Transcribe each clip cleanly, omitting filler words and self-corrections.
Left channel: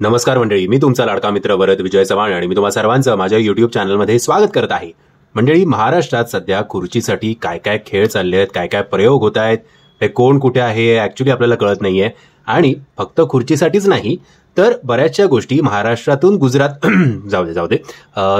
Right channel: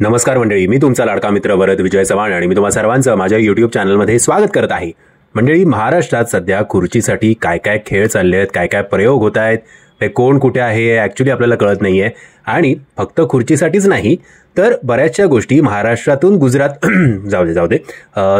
नमस्कार मंडळी, मी तुमचा लाडका मित्र वरद विजय चव्हाण आणि मी तुम्हा सर्वांचं माझ्या युट्यूब चॅनलमध्ये स्वागत करत आहे. मंडळी, महाराष्ट्रात सध्या खुर्चीसाठी काय काय खेळ चालले आहेत, काय काय प्रयोग होत आहेत, हे कोण कुठे आहे ऍक्च्युली आपल्याला कळत नाहीये. आणि फक्त खुर्चीसाठीच नाही तर बऱ्याचशा गोष्टी महाराष्ट्रातून गुजरात जाऊ दे.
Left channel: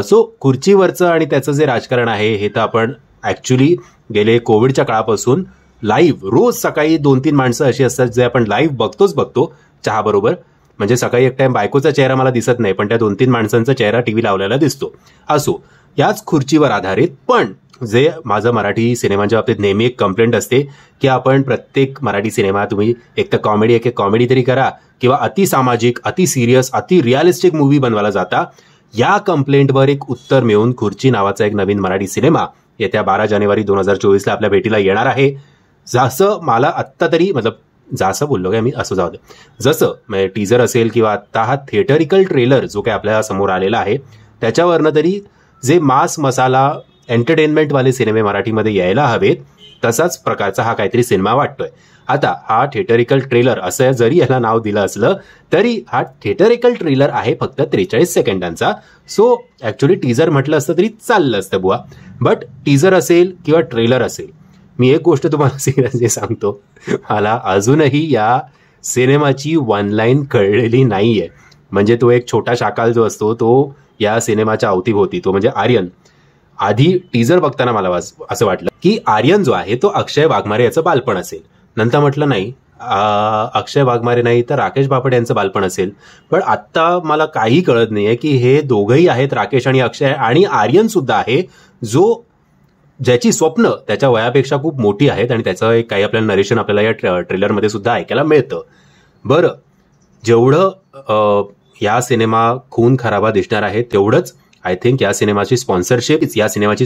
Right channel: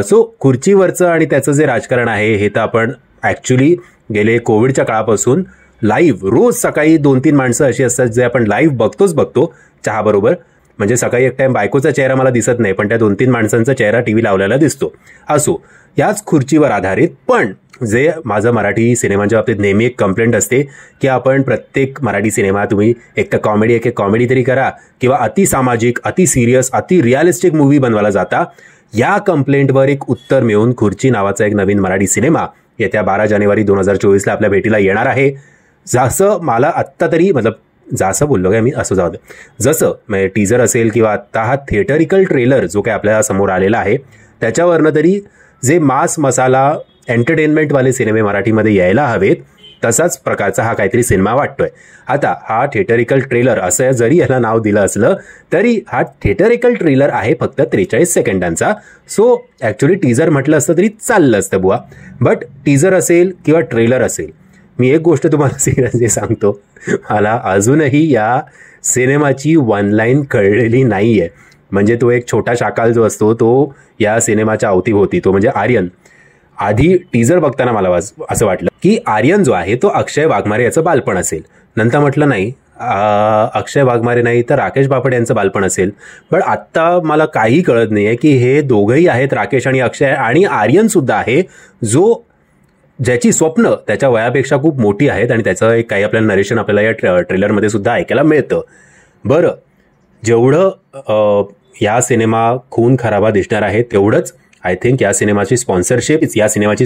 सो खुर्चीवरचं आणि त्याचं जे राजकारण आहे हे तर आपण ऍक्च्युली गेले कोविडच्या काळापासून लाईव्ह रोज सकाळी 2-3 माणसं अशी असतात जे आपण लाईव्ह बघतो चहा बरोबर. म्हणजे सकाळी एक टाइम बायकोचा चेहरा मला दिसत नाही, पण त्या 2-3 माणसांचा चेहरा टीव्ही लावलेला दिसतो. असो, याच खुर्चीवर आधारित. पण जे माझं मराठी सिनेमाच्या बाबतीत नेहमी एक कंप्लेंट असते की आपण प्रत्येक मराठी सिनेमा तुम्ही एक तर कॉमेडी एक कॉमेडी तरी करा किंवा अति सामाजिक, अति सिरियस, अति रिअलिस्टिक मूव्ही बनवायला जाता. या कंप्लेंटवर एक उत्तर मिळून खुर्ची नावाचा एक नवीन मराठी सिनेमा येत्या 12 जानेवारी 2024 आपल्या भेटीला येणार आहे. जसं मला आत्ता तरी जसं बोललो काय मी, असं जाऊ दे, जसं म्हणजे टीजर असेल किंवा आत्ता हा थिएटरिकल ट्रेलर जो काही आपल्या समोर आलेला आहे त्याच्यावरनं तरी जे मास मसाला एंटरटेनमेंटवाले सिनेमे मराठीमध्ये यायला हवेत तसाच प्रकारचा हा काहीतरी सिनेमा वाटतोय. आता हा थिएटरिकल ट्रेलर असं जरी याला नाव दिलं असलं तरी हा थिएटरिकल ट्रेलर आहे फक्त 43 सेकंदांचा. सो ऍक्च्युली टीजर म्हटलं असतं तरी चाललं असतं बुवा. बट टीजर असेल किंवा ट्रेलर असेल, मी एक गोष्ट तुम्हाला सिरियसली सांगतो, मला अजूनही या सिनेमाची वन लाईन कळलेली नाहीये. म्हणजे तो एक छोटा शाकाल जो असतो तो या सिनेमाच्या अवतीभोवती, तो म्हणजे आर्यन. आधी टीजर बघताना मला असं वाटलं की आर्यन जो आहे तो अक्षय वाघमारे याचं बालपण असेल. नंतर म्हटलं नाही, अक्षय वाघमारे नाही तर राकेश बापट यांचं बालपण असेल. पण आत्ता मला काही कळत नाहीये की हे दोघंही आहेत, राकेश आणि अक्षय, आणि आर्यन सुद्धा आहे ज्याची स्वप्न त्याच्या वयापेक्षा खूप मोठी आहेत आणि त्याचं एक काही आपल्याला नरेशन आपल्याला या ट्रेलरमध्ये सुद्धा ऐकायला मिळतं. बरं, जेवढं या सिनेमा खून खराबा दिसणार आहे तेवढंच आय थिंक या सिनेमाची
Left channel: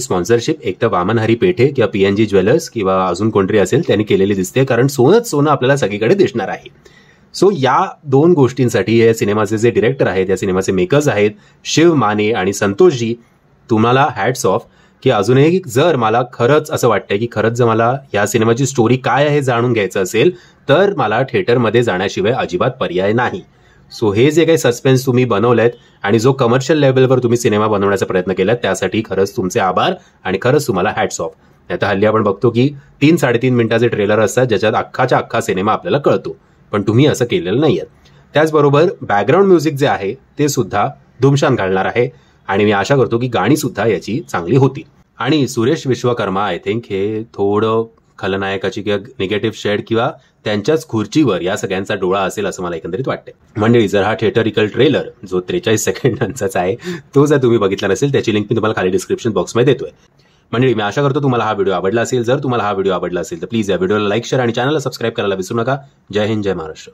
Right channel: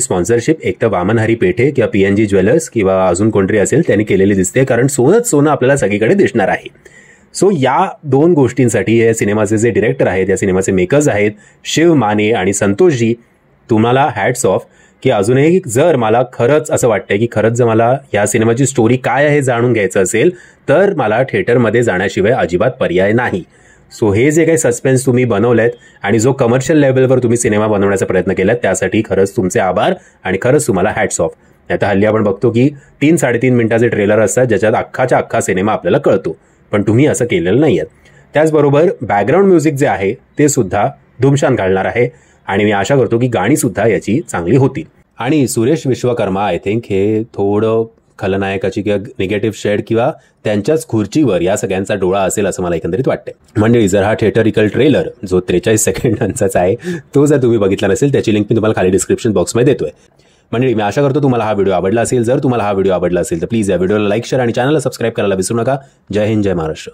स्पॉन्सरशिप एक तर वामन हरी पेठे किंवा PNG ज्वेलर्स किंवा अजून कोणतरी असेल त्यांनी केलेली दिसते, कारण सोनं आपल्याला सगळीकडे दिसणार आहे. सो या दोन गोष्टींसाठी या सिनेमाचे जे डिरेक्टर आहेत, या सिनेमाचे मेकर्स आहेत शिव माने आणि संतोषजी, तुम्हाला हॅट्स ऑफ. की अजूनही जर मला खरंच असं वाटतंय की खरंच जर मला या सिनेमाची स्टोरी काय आहे जाणून घ्यायचं असेल तर मला थिएटरमध्ये जाण्याशिवाय अजिबात पर्याय नाही. सो हे जे काही सस्पेन्स तुम्ही बनवलेत आणि जो कमर्शियल लेवलवर तुम्ही सिनेमा बनवण्याचा प्रयत्न केलात त्यासाठी खरंच तुमचे आभार आणि खरंच तुम्हाला हॅट्स ऑफ. आता हल्ली आपण बघतो की 3-3.5 मिनिटाचे ट्रेलर असतात ज्याच्यात अख्खा सिनेमा आपल्याला कळतो, पण तुम्ही असं केलेलं नाहीये. त्याचबरोबर बॅकग्राऊंड म्युझिक जे आहे ते सुद्धा धुमशान घालणार आहे आणि मी आशा करतो की गाणी सुद्धा याची चांगली होतील. आणि सुरेश विश्वकर्मा आय थिंक हे थोडं खलनायकाची किंवा निगेटिव्ह शेड किंवा त्यांच्याच खुर्चीवर या सगळ्यांचा डोळा असेल असं मला एकंदरीत वाटतंय. मंडळी, जर हा थिएटरिकल ट्रेलर जो 43 सेकंदांचाच आहे तो जर तुम्ही बघितला नसेल त्याची लिंक मी तुम्हाला खाली डिस्क्रिप्शन बॉक्समध्ये देतोय. मंडळी, मी आशा करतो तुम्हाला हा व्हिडिओ आवडला असेल. जर तुम्हाला हा व्हिडिओ आवडला असेल तर प्लीज या व्हिडिओला लाईक, शेअर आणि चॅनलला सबस्क्राईब करायला विसरू नका. जय हिंद, जय महाराष्ट्र.